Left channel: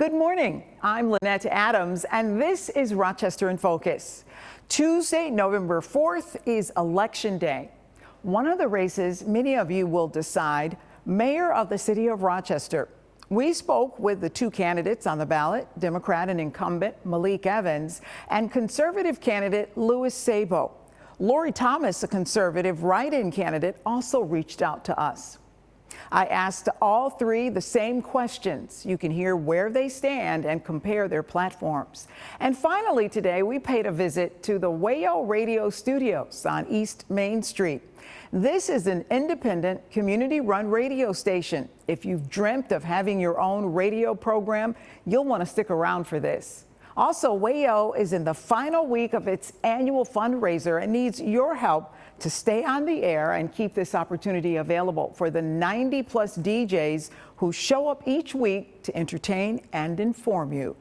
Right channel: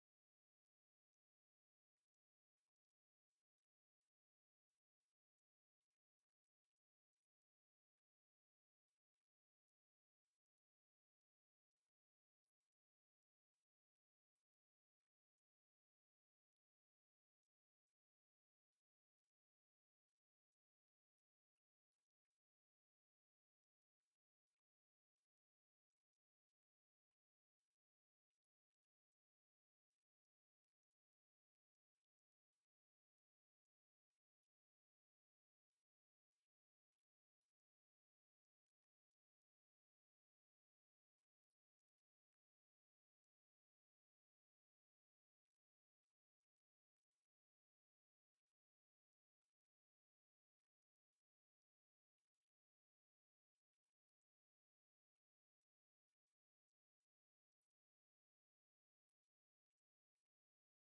Good morning. I'm Lynette Adams, and this is Rochester in Focus. Tuesday, November 4th is Election Day. One of the races many of you will decide, Mayor of the City of Rochester. We spoke with the two candidates on the ballot, Democrat and incumbent Malik Evans, and conservative candidate Louis Sabo. Lori Thomas, a conservative write-in candidate, also reached out to us. I asked all three the same questions. You can hear where they stand and compare their platforms. And finally today, we paid a visit to the Wayo Radio Studios on East Main Street. This is an independent, community-run radio station. If you've dreamt of having your own radio program, you'll want to stick around for this. Also, Wayo is in the final week of its annual fundraiser and needs your help to stay on the air and keep this opportunity available for the 90-plus DJs who show up each week to entertain and inform you.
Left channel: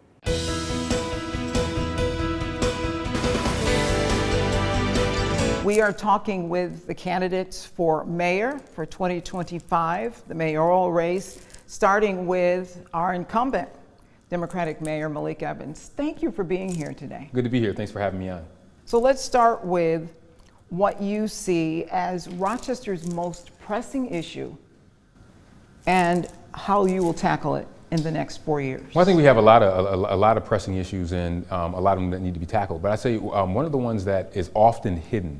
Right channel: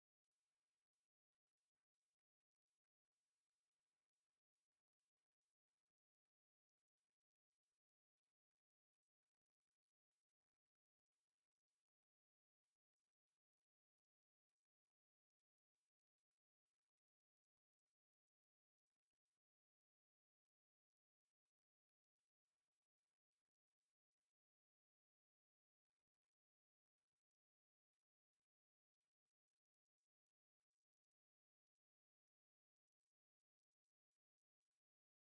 We are talking with the candidates for mayor for 2025, the mayoral race, starting with our incumbent Democratic Mayor Malik Evans. Thank you for being here today. Good to be here. Thanks for having me on. So let's start with what you see as Rochester's most pressing issue and how you will tackle it in the next 4 years. Well, I think we have a lot of pressing issues and a lot of them that need to be tackled. But I say one of the ones that is often hidden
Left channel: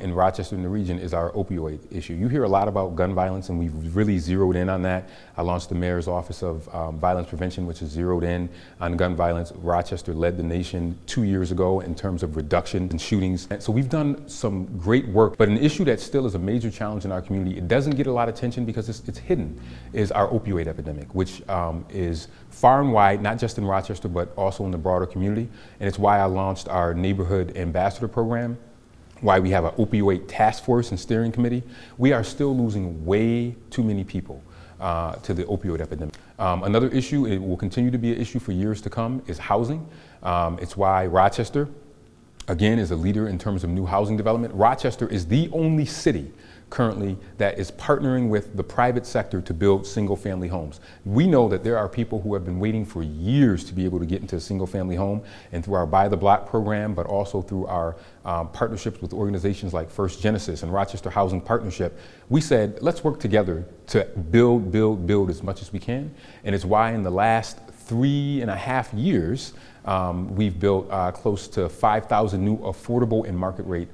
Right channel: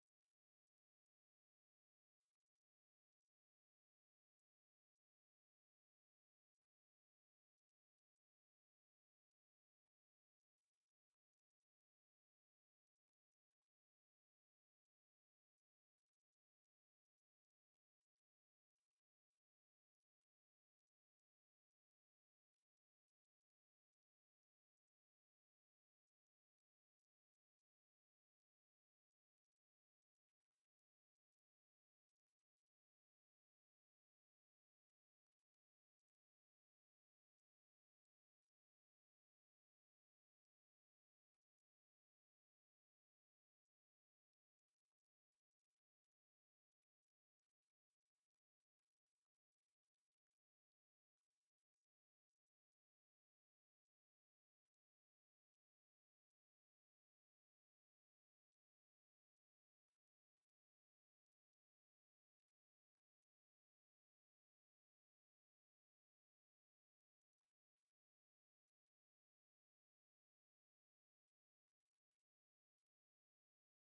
in Rochester and the region is our opioid issue. You hear a lot about gun violence, and we've really zeroed in on that. I launched the Mayor's Office of Violence Prevention, which is zeroed in on gun violence. Rochester led the nation 2 years ago in terms of reduction in shootings. So we've done some great work, but an issue that still is a major challenge in our community, it doesn't get a lot of attention because it's hidden, is our opioid epidemic, which is far and wide, not just in Rochester, but also in the broader community. And it's why I launched our Neighborhood Ambassador Program, why we have an opioid task force and steering committee. We are still losing way too many people to the opioid epidemic. Another issue, it will continue to be an issue for years to come, is housing. It's why Rochester, again, is a leader in terms of new housing development. Rochester is the only city currently that is partnering with the private sector to build single-family homes. We know that there are people who have been waiting for years to be able to get into a single-family home, and through our Buy the Block program, but also through our partnerships with organizations like First Genesis and Rochester Housing Partnership, we said, let's work together to build as much as we can. And it's why in the last 3.5 years, we've built close to 5,000 new affordable and market rate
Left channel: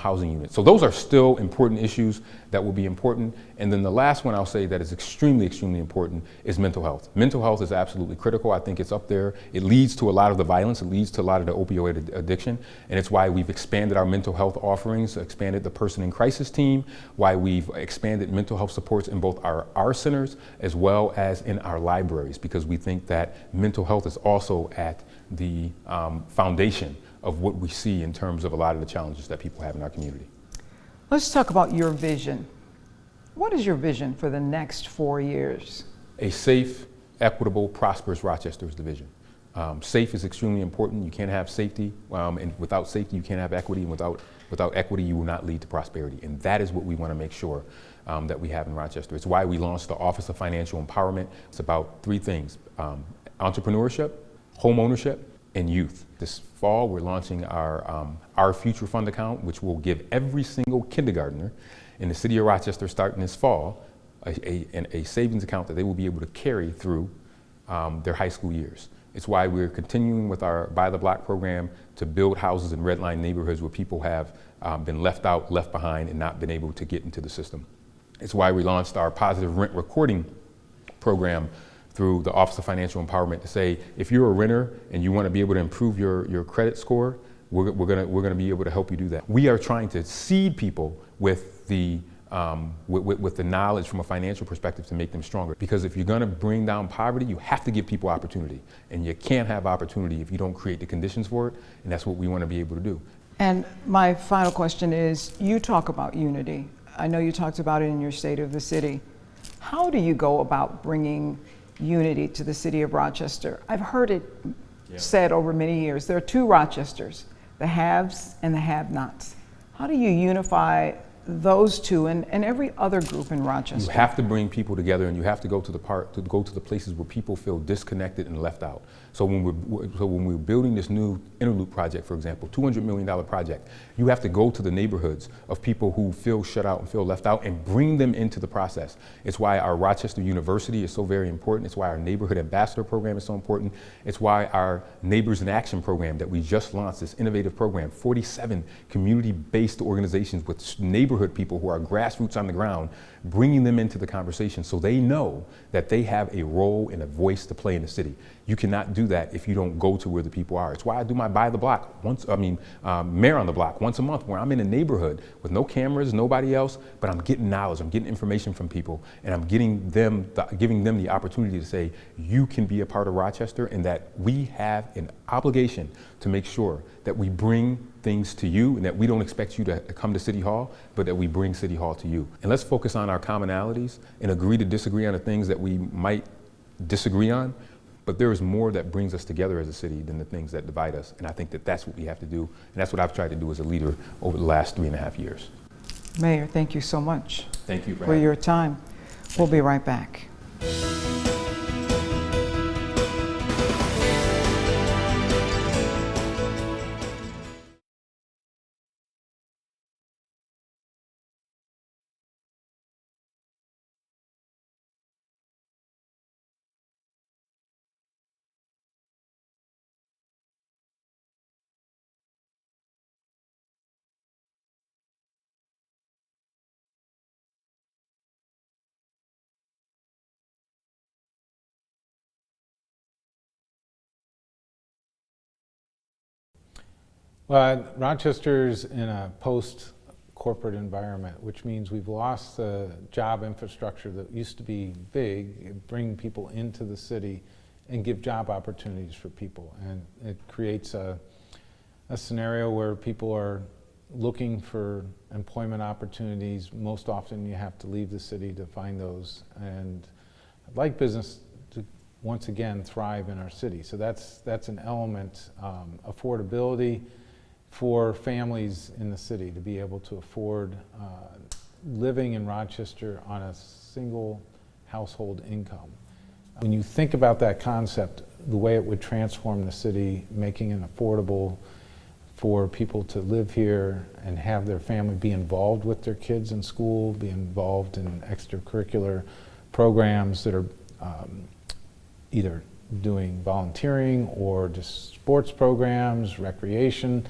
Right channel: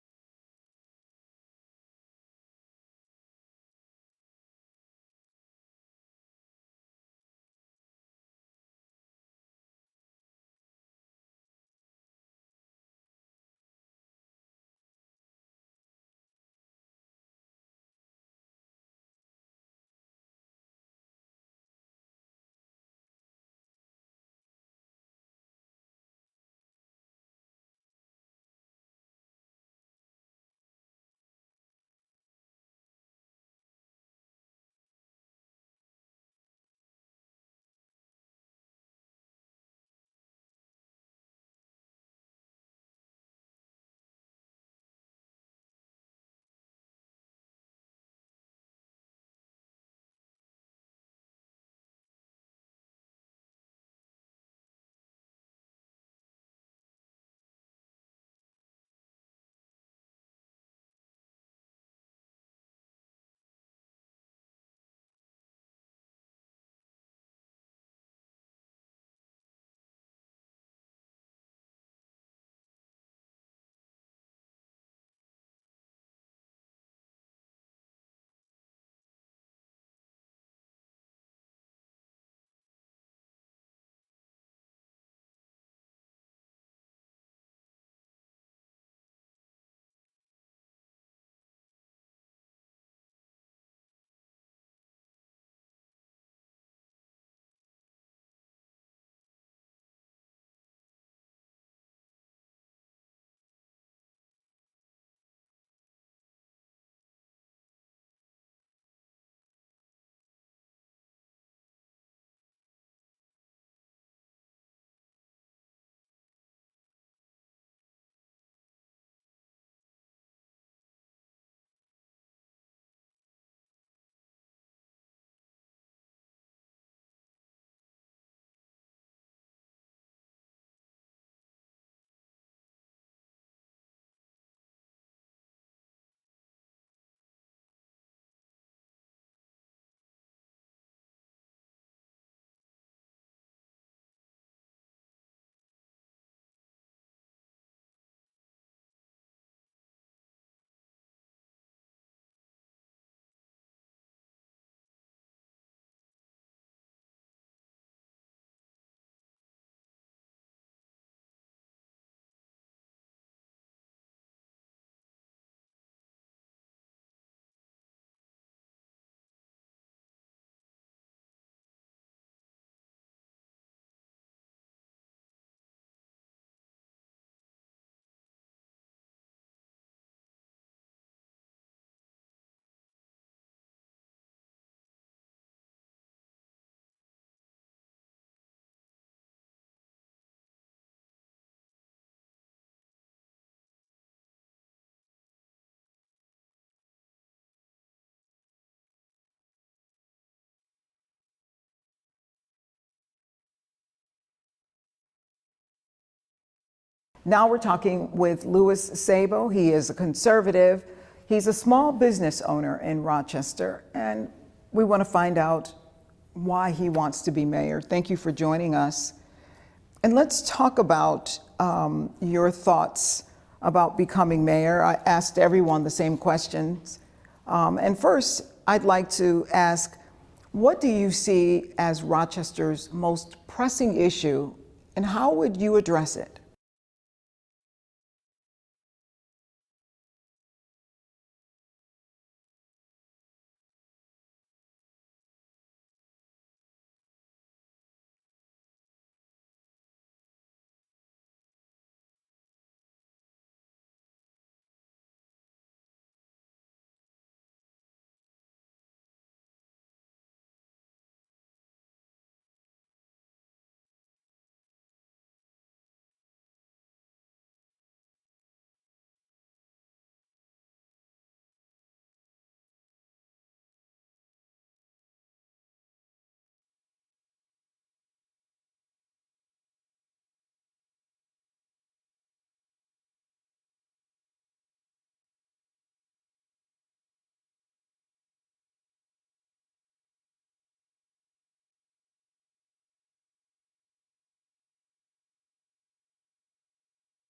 housing units. So those are still important issues that will be important. And then the last one I'll say that is extremely important is mental health. Mental health is absolutely critical. I think it's up there. It leads to a lot of the violence. It leads to a lot of the opioid addiction. And it's why we've expanded our mental health offerings, expanded the person in crisis team, why we've expanded mental health supports in both our centers as well as in our libraries, because we think that mental health is also at the foundation of what we see in terms of a lot of the challenges that people have in our community. Let's talk about your vision. What is your vision for the next 4 years? A safe, equitable, prosperous Rochester is the vision. Safe is extremely important. You can't have safety, and without safety you can't have equity, and without equity you will not lead to prosperity. And that is what we want to make sure that we have in Rochester. It's why we launched the Office of Financial Empowerment. It's about three things: entrepreneurship, home ownership, and youth. This fall, we're launching our Future Fund account, which will give every single kindergartner in the city of Rochester starting this fall a savings account that they will be able to carry through their high school years. It's why we're continuing with our Buy the Block program to build houses in redline neighborhoods where people have been left out, left behind, and not been able to get into the system. It's why we launched our positive rent recording program through the Office of Financial Empowerment to say, if you're a renter and you want to be able to improve your credit score, we're gonna be able to help you do that. We are trying to seed people with the knowledge from a financial perspective to make them stronger. Because if you're gonna bring down poverty, you have to give people opportunity. And you can't have opportunity if you don't create the conditions for it, and that's what we want to be able to do. And my final question is, you talk about unity. I know you talked about it in your State of the City. How do you go about bringing unity to the city of Rochester? I've heard it said over many years, there are two Rochesters, the haves and the have-nots. How do you unify those two and every other group in Rochester? You have to bring people together, and you have to go to the places where people feel disconnected and left out. So when we're building this new interloop project, for example, $200 million project, you have to go to the neighborhoods of people who feel shut out and feel left out and bring them into the process. It's why our Rochester University is so very important. It's why our neighborhood ambassador program is so important. It's why our Neighbors in Action program that we just launched, this innovative program, 47 community-based organizations with neighborhood people who are grassroots on the ground, bringing them into the conversation so they know that they have a role and a voice to play in the city. You cannot do that if you don't go to where the people are. It's why I do my By the Block Mayor on the Block once a month, where I'm in a neighborhood with no cameras, nobody else, but I'm getting knowledge, I'm getting information from people, and I'm giving them the opportunity to say, you can be a part of Rochester, and that we have an obligation to make sure that we bring things to you, and that we don't expect you to come to City Hall, but that we bring City Hall to you. And let's focus on our commonalities and agree to disagree on the things that we might disagree on. But there is more that brings us together as a city than the things that divide us. And I think that that's what we have to do. And that's what I've tried to do as a leader over the last 3.5 years. Mayor, thank you so much. Thank you for your time. We'll be right back. Now we're talking with Louis Sabo. He is a conservative. He's a small business owner in Rochester. And we want to find out why he wants to be mayor. Thank you for joining us. And let's talk about your thoughts about becoming mayor. I asked everyone the same questions. And first, I'd like to ask, what do you see as Rochester's most pressing issue, and how would you address it? Well, Rochester's in a post-corporate environment, which means we've lost the job infrastructure that used to be big, bring people into the city and give job opportunities for people. And it creates a scenario where people are looking for employment opportunities. Most often you have to leave the city to find those. And I'd like business to once again thrive in our city. So that's an element. Affordability for families in the city to be able to afford living in Rochester on a single household income. When you think about that concept, the way it would transform the city, making it affordable for people to live here and have their family be involved with their kids in school, be involved in extracurricular programs that are either doing volunteering or just sports programs, recreation,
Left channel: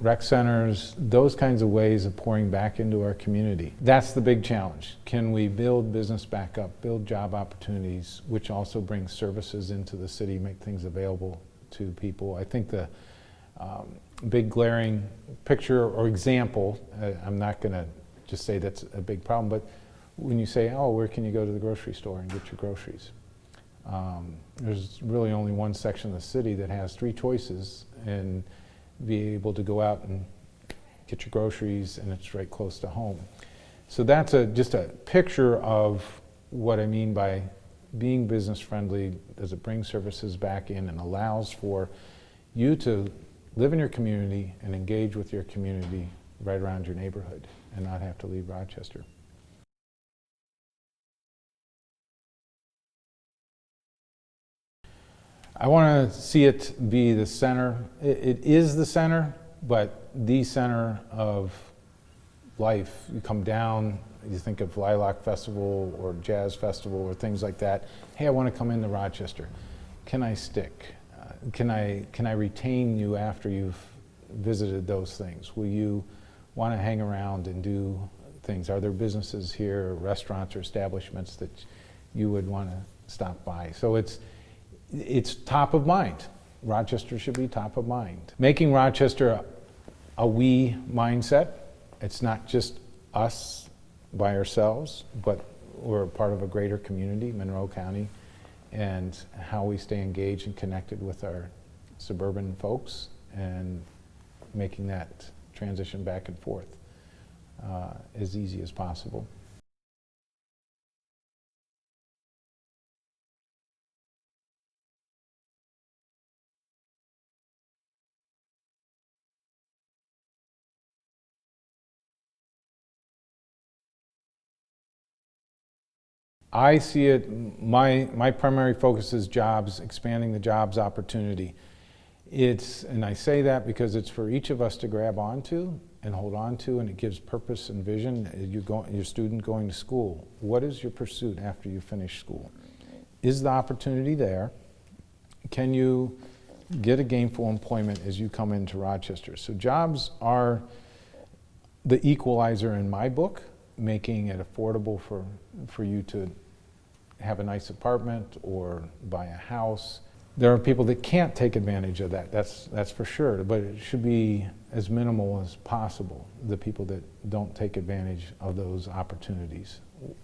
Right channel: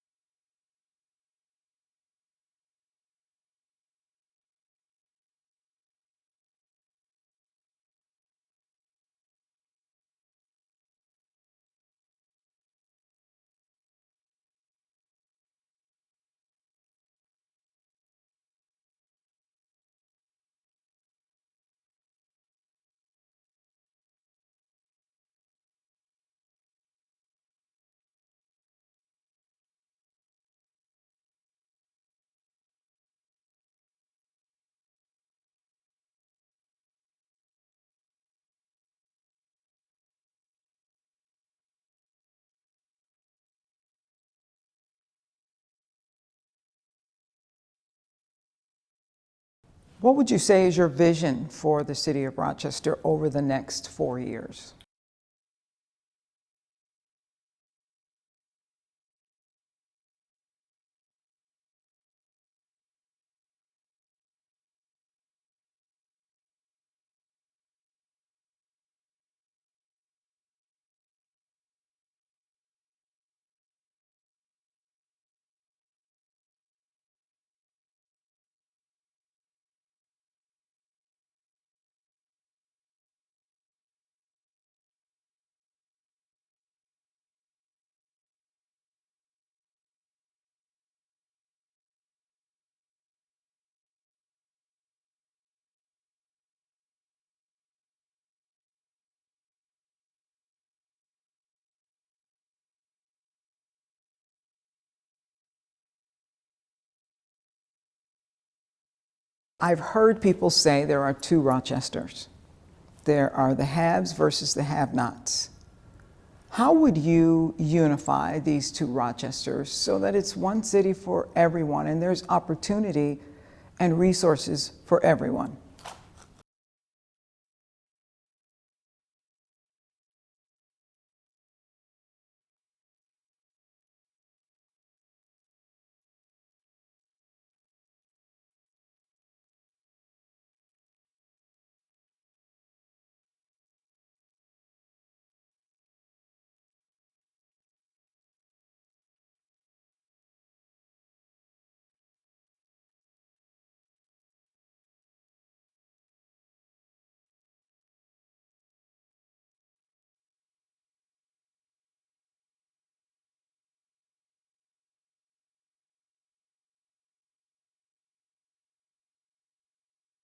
rec centers, those kinds of ways of pouring back into our community. That's the big challenge. Can we build business back up, build job opportunities, which also brings services into the city, make things available to people? I think the big glaring picture or example, I'm not going to just say that's a big problem, but when you say, oh, where can you go to the grocery store and get your groceries? There's really only one section of the city that has 3 choices, and be able to go out and get your groceries, and it's right close to home. So that's just a picture of what I mean by being business friendly. Does it bring services back in and allows for you to live in your community and engage with your community right around your neighborhood and not have to leave Rochester? What would you say is your vision for the city of Rochester over the next 4 years? I want to see it be the center. It is the center, but the center of life. You come down, you think of Lilac Festival or Jazz Festival or things like that. Hey, I want to come into Rochester. Can I stick? Can I retain you after you've visited those things? Will you want to hang around and do things? Are there businesses here, restaurants or establishments that you would want to stop by? So it's top of mind. Rochester should be top of mind. Making Rochester a we mindset. It's not just us by ourselves, but we're a part of a greater community, Monroe County, and how we stay engaged and connected with our suburban folks and making that transition back and forth as easy as possible. I've heard people say there are 2 Rochesters. There are the haves versus the have-nots. How would you unify these two Rochesters so that it's one city for everyone and there's opportunity and resources for everyone? I see it, my primary focus is jobs, expanding the jobs opportunity. And I say that because it's for each of us to grab onto and hold on to, and it gives purpose and vision. Your student going to school, what is your pursuit after you finish school? Is the opportunity there? Can you get a gainful employment as you come into Rochester? So jobs are the equalizer in my book, making it affordable for you to have a nice apartment or buy a house. There are people that can't take advantage of that, that's for sure, but it should be as minimal as possible, the people that don't take advantage of those opportunities.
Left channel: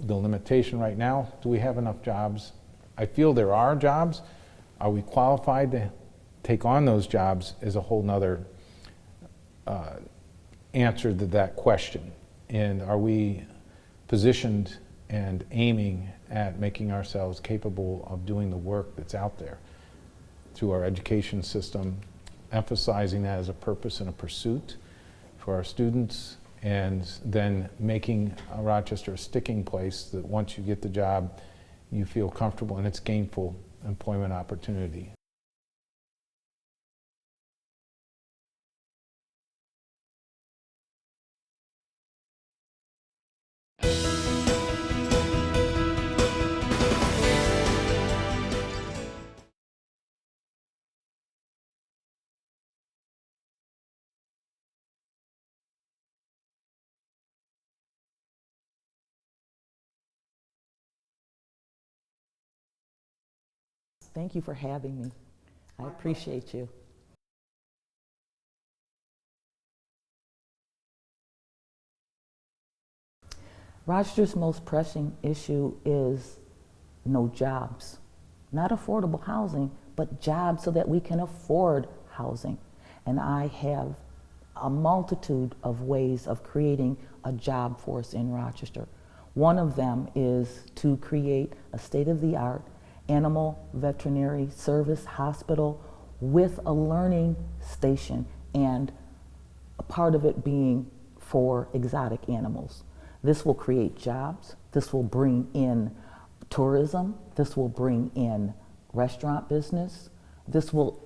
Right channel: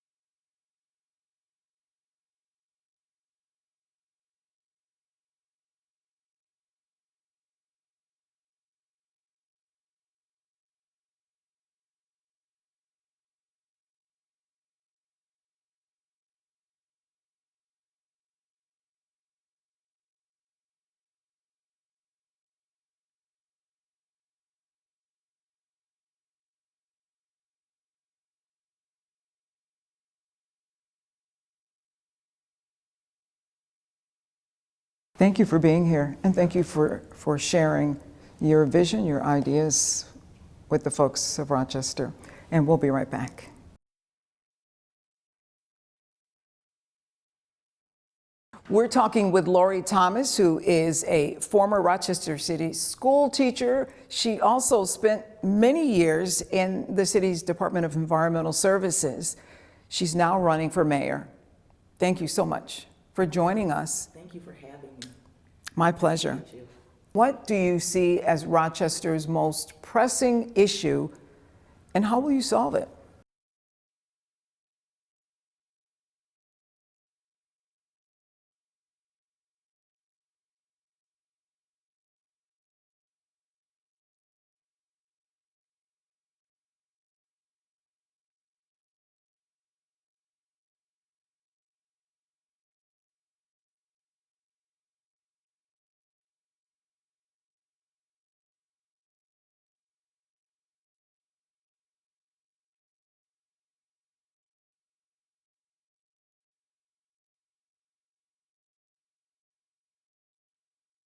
The limitation right now, do we have enough jobs? I feel there are jobs. Are we qualified to take on those jobs is a whole nother answer to that question. And are we positioned and aiming at making ourselves capable of doing the work that's out there through our education system, emphasizing that as a purpose and a pursuit for our students, and then making Rochester a sticking place that once you get the job, you feel comfortable and it's gainful employment opportunity. Thank you for being here, and thank you for sharing your vision, your ideas with the folks of Rochester. And we'll be right back. We're talking with Lori Thomas, who is a former Rochester City school teacher. She also spent many years in the city's Department of Environmental Services. She's now running for mayor. Thank you so much for joining us. Thank you for having me. My pleasure. Appreciate you. What do you see as Rochester's most pressing issue, and how will you solve it? Rochester's most pressing issue is no jobs. Not affordable housing, but jobs so that we can afford housing. And I have a multitude of ways of creating a job force in Rochester. One of them is to create a state-of-the-art animal veterinary service hospital with a learning station, and a part of it being for exotic animals. This will create jobs. This will bring in tourism. This will bring in restaurant business. This will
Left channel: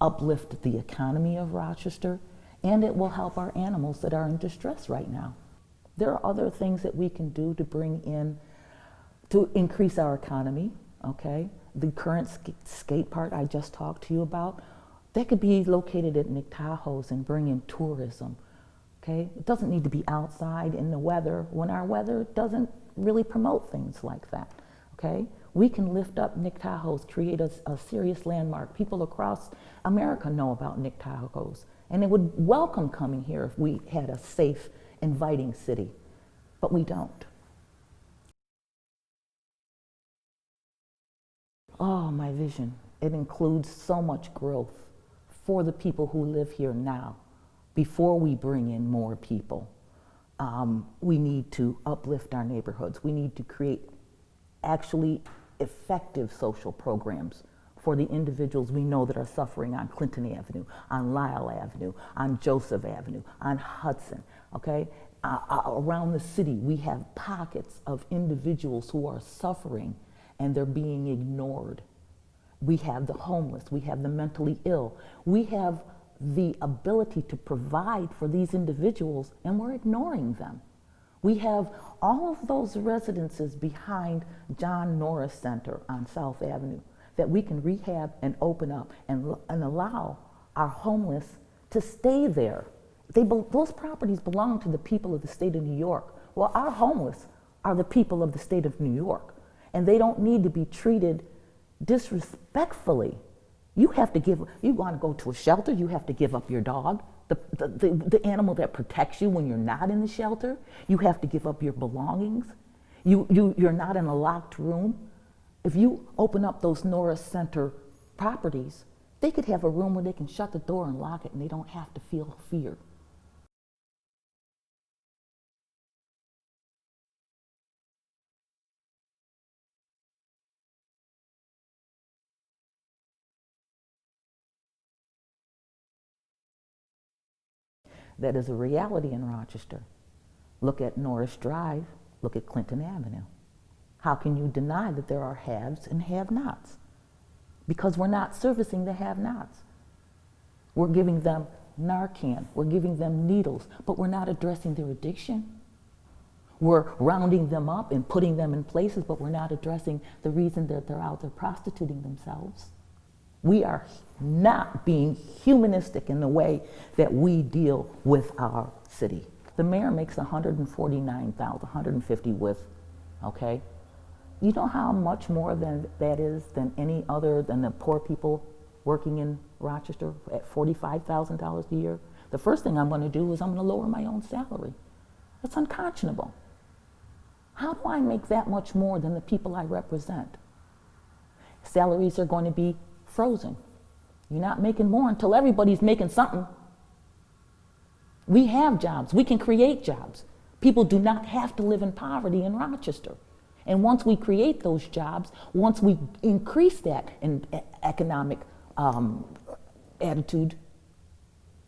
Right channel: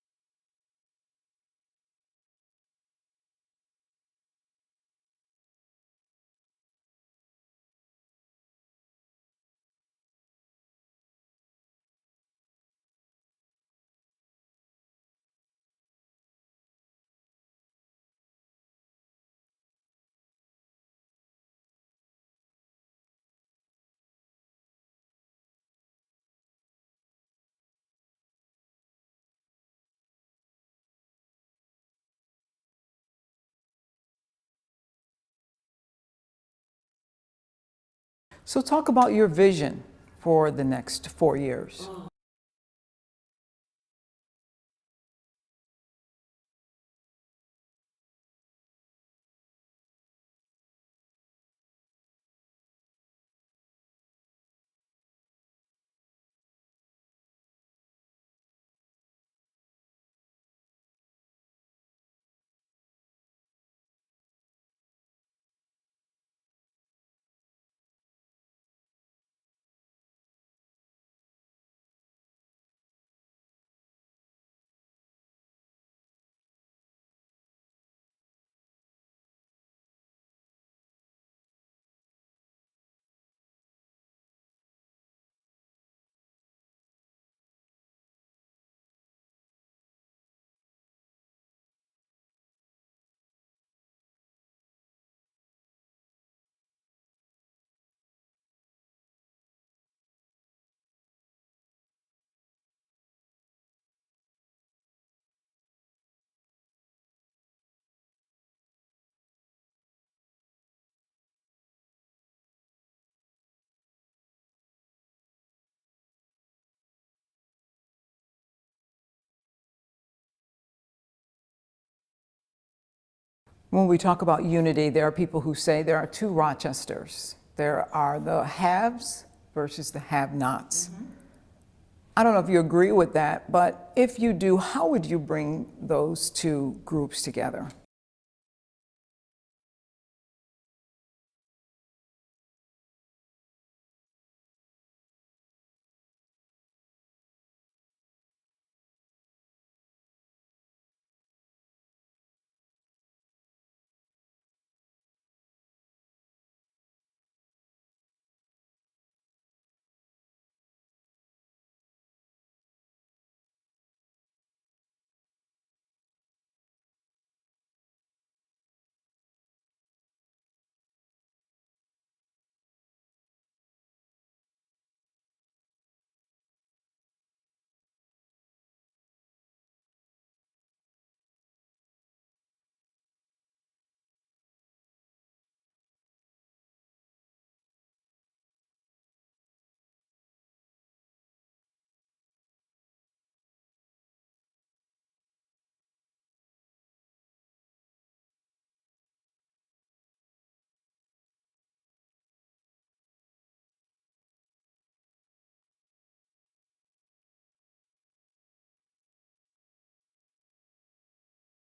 uplift the economy of Rochester, and it will help our animals that are in distress right now. There are other things that we can do to bring in, to increase our economy, okay? The current skate park I just talked to you about, that could be located at McTahoe's and bring in tourism, okay? It doesn't need to be outside in the weather when our weather doesn't really promote things like that, okay? We can lift up McTahoe's, create a serious landmark. People across America know about McTahoe's, and they would welcome coming here if we had a safe, inviting city, but we don't. So talk about your vision for the next 4 years. Oh, my vision. It includes so much growth for the people who live here now. Before we bring in more people, we need to uplift our neighborhoods. We need to create actually effective social programs for the individuals we know that are suffering on Clinton Avenue, on Lyle Avenue, on Joseph Avenue, on Hudson, okay? Around the city, we have pockets of individuals who are suffering and they're being ignored. We have the homeless, we have the mentally ill, we have the ability to provide for these individuals, and we're ignoring them. We have all of those residences behind John Norris Center on South Avenue that we can rehab and open up and allow our homeless to stay there. Those properties belong to the people of the state of New York. Well, our homeless are the people of the state of New York, and they don't need to be treated disrespectfully. You want to go to a shelter, you have to give up your dog, the animal that protects you when you're not in the shelter. You have to give up your belongings. You're not in a locked room. If you open up those Norris Center properties, they could have a room where they can shut the door and lock it, and they don't have to feel fear. When we talk about unity, there are people who say there are two Rochesters. There are the haves versus the have-nots. I don't know if you agree with that, but if you do, how would you bring those two groups together? That is a reality in Rochester. Look at Norris Drive, look at Clinton Avenue. How can you deny that there are haves and have-nots? Because we're not servicing the have-nots. We're giving them Narcan, we're giving them needles, but we're not addressing their addiction. We're rounding them up and putting them in places, but we're not addressing the reason that they're out there prostituting themselves. We are not being humanistic in the way that we deal with our city. The mayor makes $149,000, $150 with, okay? You know how much more than that is than any other than the poor people working in Rochester at $45,000 a year? The first thing I'm going to do is I'm going to lower my own salary. That's unconscionable. How do I make that much more than the people I represent? Salaries are going to be frozen. You're not making more until everybody's making something. We have jobs. We can create jobs. People do not have to live in poverty in Rochester. And once we create those jobs, once we increase that in economic attitude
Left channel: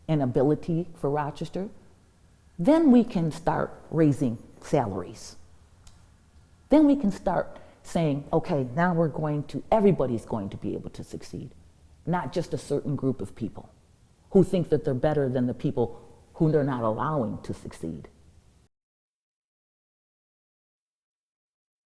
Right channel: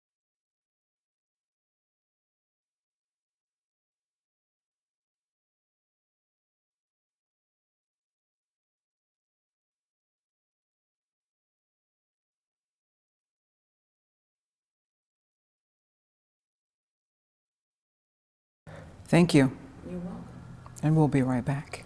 and ability for Rochester, then we can start raising salaries. Then we can start saying, okay, now everybody's going to be able to succeed, not just a certain group of people who think that they're better than the people who they're not allowing to succeed. Thank you. You're welcome. And we'll be right back.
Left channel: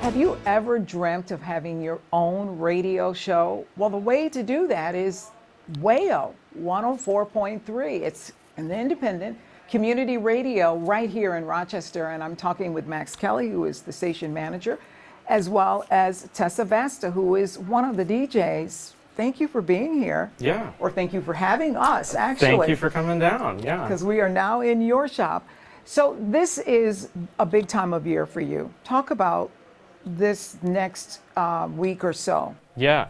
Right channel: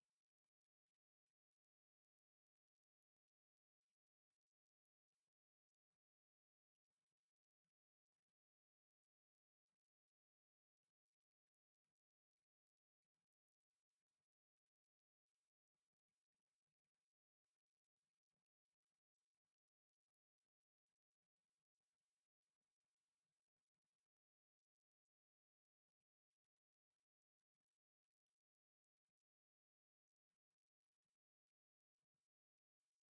Have you ever dreamt of having your own radio show? Well, the way to do that is Wayo 104.3. It's an independent community radio right here in Rochester, and I'm talking with Max Kelly, who is the station manager, as well as Tessa Vasta, who is one of the DJs. Thank you for being here. Yeah. Or thank you for having us, actually. Thank you for coming down, yeah. Because we are now in your shop. So this is a big time of year for you. Talk about this next week or so. Yeah,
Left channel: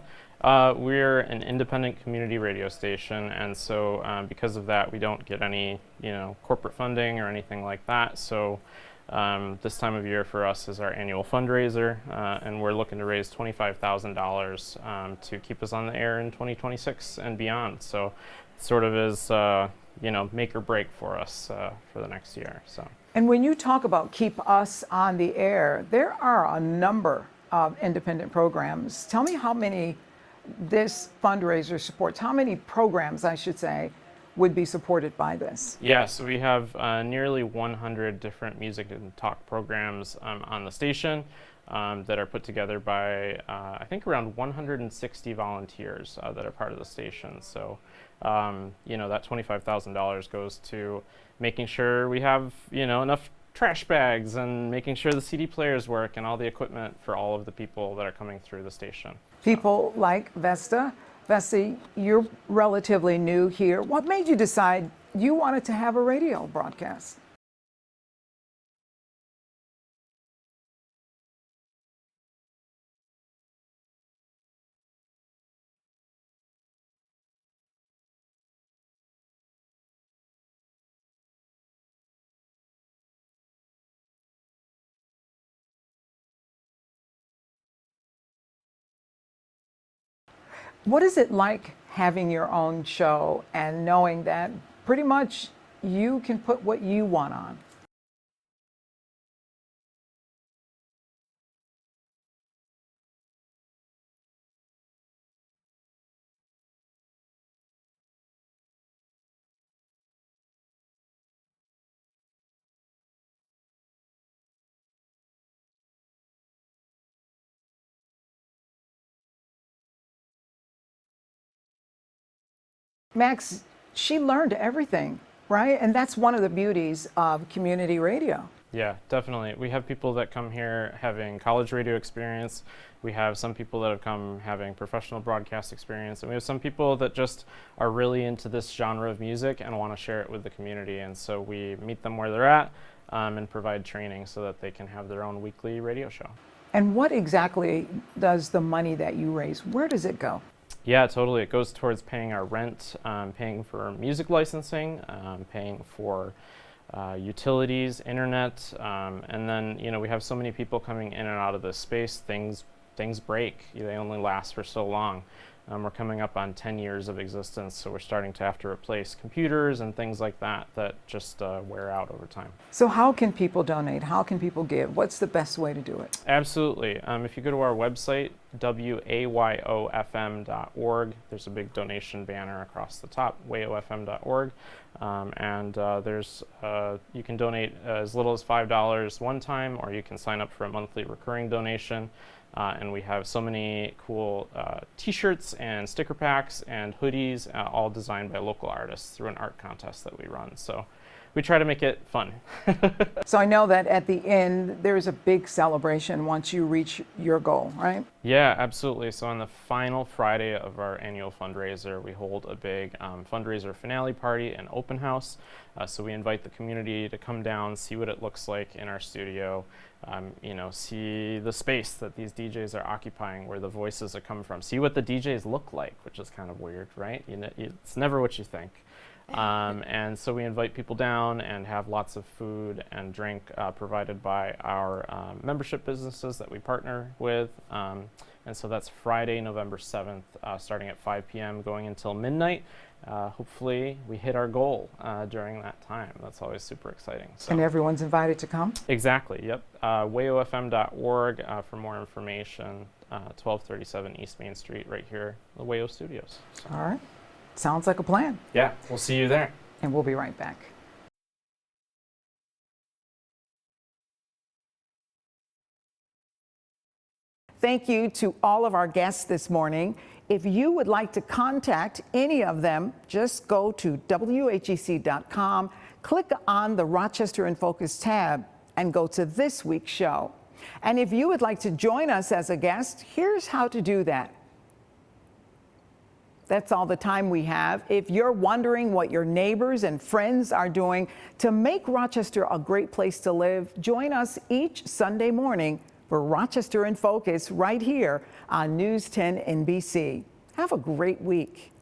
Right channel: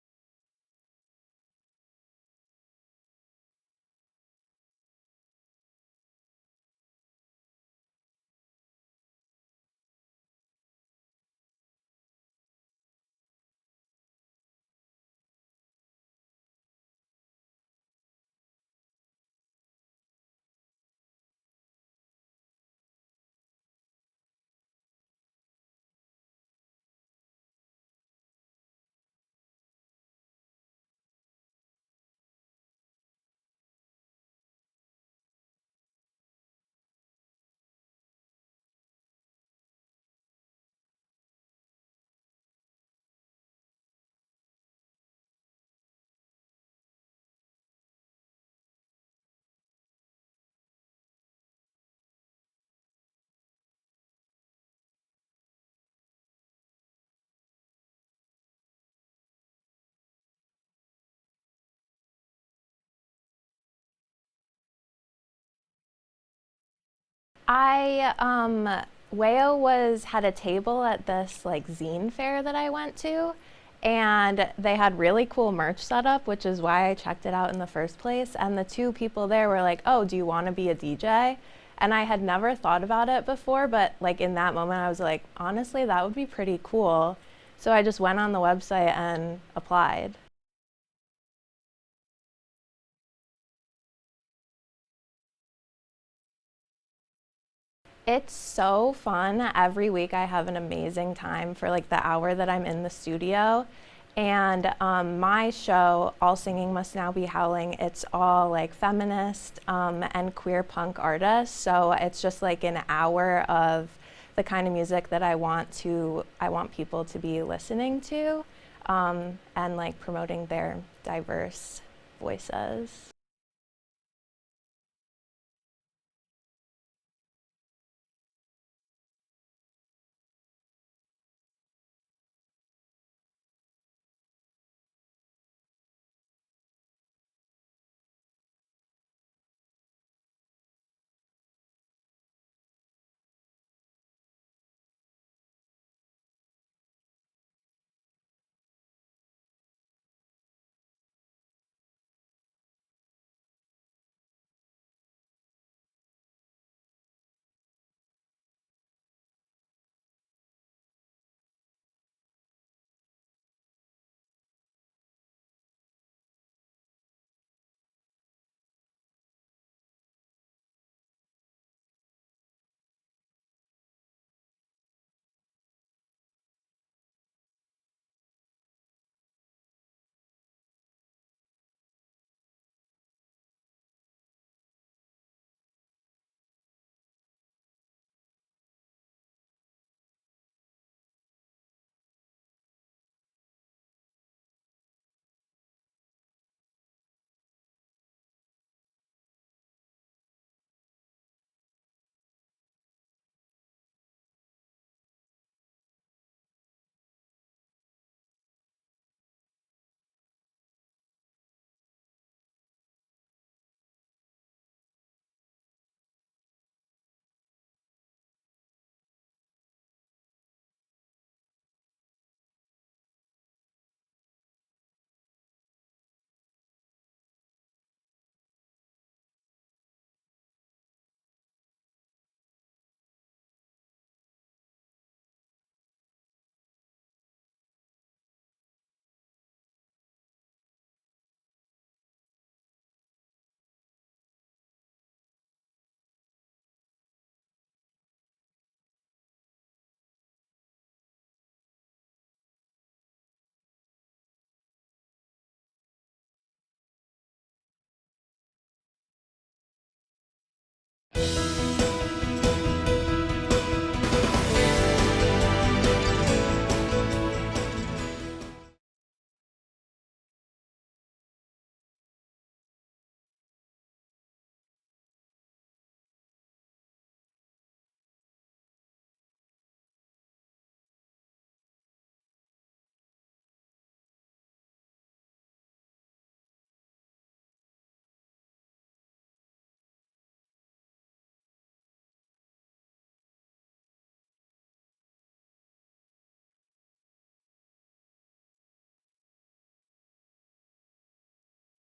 we're an independent community radio station, and so because of that, we don't get any, corporate funding or anything like that. So this time of year for us is our annual fundraiser, and we're looking to raise $25,000 to keep us on the air in 2026 and beyond. So it sort of is, make or break for us for the next year. So. And when you talk about keep us on the air, there are a number of independent programs. Tell me how many this fundraiser supports, how many programs, I should say, would be supported by this? Yeah, so we have nearly 100 different music and talk programs on the station that are put together by, I think, around 160 volunteers that are part of the station. So, that $25,000 goes to making sure we have, enough trash bags and making sure the CD players work and all the equipment for all of the people that are coming through the station. People like Vesta. Vesta, you're relatively new here. What made you decide you wanted to have a radio broadcast? Wayo had a table at this zine fair that I went to, and they had really cool merch set up, which is why I checked it out in the first place. And the two people there were like, oh, do you want to be a DJ? And I had never thought about it before, but in that moment I was like, honestly, that would be pretty cool. So I just went on the website and applied. What is it like having your own show and knowing that pretty much you can put what you want on? It's so fun. Every week I have an amazing time for the hour that I'm in the studio. And my show, All Singing Must Now Be Howling, it's all feminist and queer punk artists. So it's just an hour of the kind of music that I want people to be listening to. And promoting their diverse voices. Max, she learned everything, right? And that's one of the beauties of community radio. Yeah, definitely. We have people that come here having college radio experience. We have some people that have come having professional broadcast experience. And we have some people that just are really into this genre of music and want to share it with the community. And so we meet them where they're at and provide training so that they can have their own weekly radio show. And what exactly does the money that you raise, where does it go? Yeah, totally. It goes towards paying our rent, paying for music licensing, paying for utilities, internet, and then we have so many people coming in and out of this space. Things break. They only last for so long. We're coming up on 10 years of existence, so we're starting to have to replace computers and things like that just wear out over time. So how can people donate? How can people give? What's the best way to do it? Absolutely. If you go to our website, wayofm.org, there's a big donation banner across the top, wayofm.org, and you can donate as little as $5 one time, or you can sign up for a monthly recurring donation. And we have so many cool t-shirts and sticker packs and hoodies, all designed by local artists through an art contest that we run. So we try to make it fun. So I know that at the end, there's a big celebration once you reach your goal, right? Yeah, absolutely. So on the final Friday of our annual fundraiser, we hold a big fundraiser finale party and open house. So we invite the community to come down, see what it looks like in our studio, see the space that these DJs are occupying, where the voices are coming from, see what the DJs look like, which is kind of weird, right? It's never what you think. And so we invite people down and have lots of food and drink provided by our membership businesses that we partner with. And so that's Friday, November 7th, starting at 5 p.m., going until midnight. Hopefully we hit our goal during that time. That's always super exciting. So. And everyone's invited to come? Exactly, yep. wayofm.org for more information, 1237 East Main Street, right here, the Wayo Studios. So. All right. Sounds like a plan. Yeah, we'll see you there. And we'll be right back. Thank you to all of our guests this morning. If you would like to contact any of them, just go to WHEC.com, click on the Rochester in Focus tab, and go to this week's show. And if you would like to join us as a guest, here's how to do that. That's all the time we have. If you're wondering what your neighbors and friends are doing to make Rochester a great place to live, join us each Sunday morning for Rochester in Focus right here on News 10 NBC. Have a great week.